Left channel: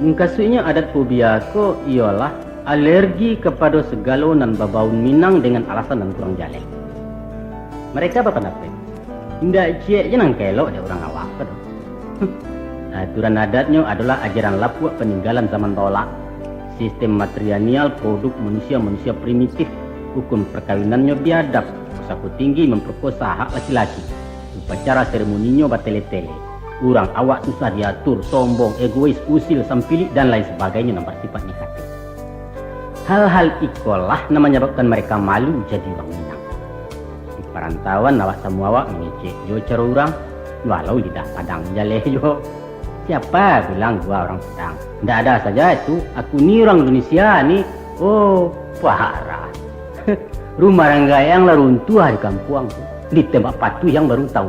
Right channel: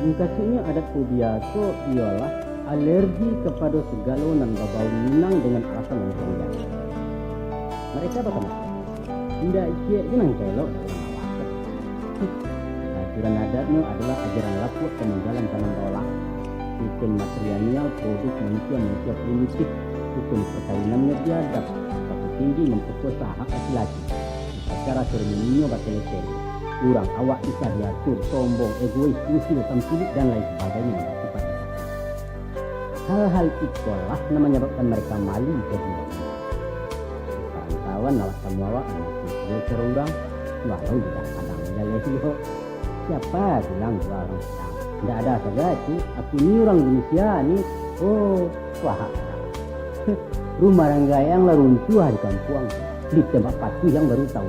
Kasutnya adat fobia ko ialah alergi kepada segala nan babaun Minang dengan alasan nan kurang jalek. Mereka berpendapat, tidak cie nang kelok ada orang awak. Aturan adatnya adalah ajaran lapuk peninggalan zaman tolak. Sistem matrilineal produk manusia primitif. Hukum perkawinannya biadab. Saku tinggi memperkosa hak laki-laki. Upacara seremoninya batele-tele. Orang awak susah diatur, sombong, egois, usil, sampilik, dan lain sebagainya yang bersifat negatif. Hal-hal ikolah yang menyebabkan mereka malu jadi orang Minang. Di perantauan awak semua awak mengecek yo cara orang, walau lidah padang jaleh yo. Siapa bilang gua orang Padang? Tidak ada saja itu. Aku ni orang Indonesia ni. Oh, parah. Rumah ranggayang lah runtuh di kampung. Di tempat patuh yang baru tahu.